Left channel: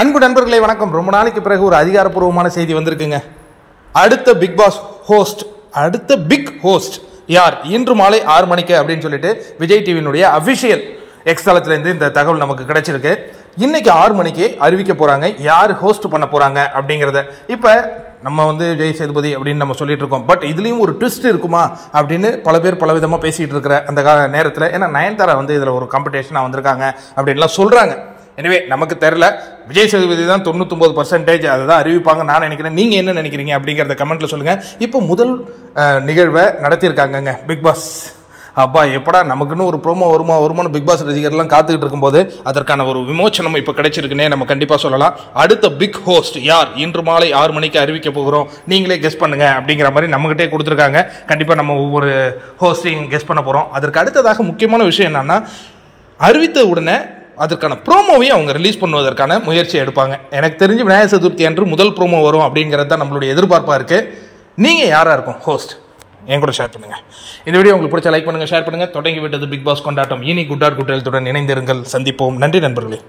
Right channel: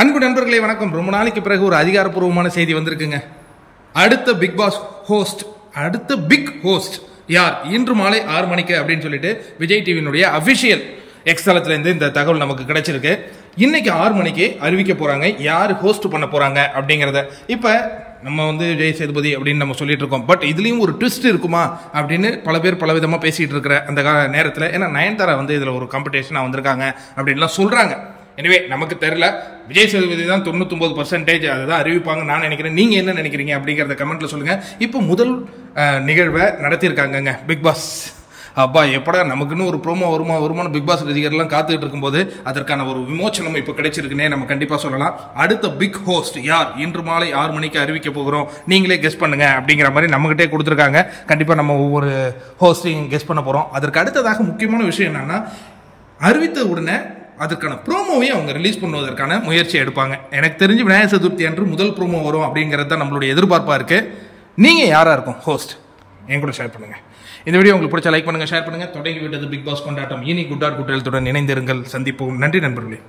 அன்பு நண்பர்களே வணக்கம். ரொம்ப நாளைக்கு பிறகு ஒரு அதிகாரப்பூர்வமான செய்தி வந்திருக்குங்க. அடுத்த பிக் பாஸ் ஹோஸ்ட், அடுத்த பிக் ஹோஸ்ட் யார்? இன்று மாலை 6 மணிக்கு அப்படின்னு சொல்லிட்டு விஜய் டிவியினுடைய அபிஷியல் எக்ஸ் தளத்திலேருந்து இந்த தகவல் நமக்கு கிடைச்சிருக்கு. இன்னைக்கு 6 மணிக்கு அறிவிக்க போறாங்க யார் ஹோஸ்ட் பண்ண போறாங்க அப்படிங்கிறத. இப்போ நம்ம விஜய் சேதுபதி அப்படின்னு நம்ம சொல்லிட்டு இருக்கோம். பட் இதுலேயும் ஒரு ட்விஸ்ட் இருக்குமா அப்படின்னு பல பேர் பல விதமாக பேசிகிட்டு இருக்கிற அந்த நேரத்தில், ஏன்னா நயன்தாரா இதில் ஒரு காம்படிஷனாக வந்திருக்காங்க அப்படின்லாம் சொல்கிறாங்க. எனவே நமக்கு தெரியல. விஜய் சேதுபதி தான் 99% அதை தான் அறிவிப்பாங்க நான் நினைக்கிறேன். நீங்கள் என்ன நினைக்கிறீங்க அப்படிங்கிறத கமெண்ட்டில் சொல்லுங்கள். இப்போ முதல் நிகழ்வை நடத்தியிருக்காங்கங்க பிக் பாஸ். அப்பா எப்படா நமக்குன்னு ஒரு ப்ரோமோ வருமானம் பிக் பாஸ் ரசிகர்லாம் காத்துக்கிட்டு இருக்கும்போது அதற்கான ஒரு விமோச்சனம் இப்போ கிடைச்சிருக்குன்னே நம்ம கண்டிப்பாக சொல்லலாம். அடுத்த பிக் ஹோஸ்ட் யார்? இன்று மாலை 6 மணிக்கு அறிவிக்க போகிறோம், நீங்களே கெஸ் பண்ணுங்க அப்படிங்கிற மாதிரி நம்மகிட்டே கொடுத்துருக்காங்க. கண்டிப்பாக நம்ம ஒவ்வொரு ஹோஸ்டையும் கெஸ் பண்ண போகிறோம். அதற்கு அடுத்ததாக முக்கியமான விஷயம் என்னன்னா, அறிவித்த உடனே அதற்கான ப்ரோமோவையும் அவங்க ரிலீஸ் பண்ணுவதற்கான முயற்சி எடுப்பாங்க. எனக்கு தெரிஞ்சு விநாயகர் சதுர்த்தி அன்று முதல் ப்ரோமோ வரும் அப்படிங்கிறது தான் நம்மளுடைய எதிர்பார்ப்பாக இருக்குது. நீங்கள் யாராக இருக்கும் ஹோஸ்ட்? என் கூட ஷேர் பண்ணுங்கள். இந்த வீடியோ உங்களுக்கு பிடிச்ச லைக் பண்ணுங்கள், ஷேர் பண்ணுங்கள். தொடங்கி விட்டது பிக் பாஸ் கொண்டாட்டம். இனி குட் ஆர் குட் ஹெல்த்துடன் இணைந்திருங்கள். சந்திப்போம். நன்றி நண்பர்களே.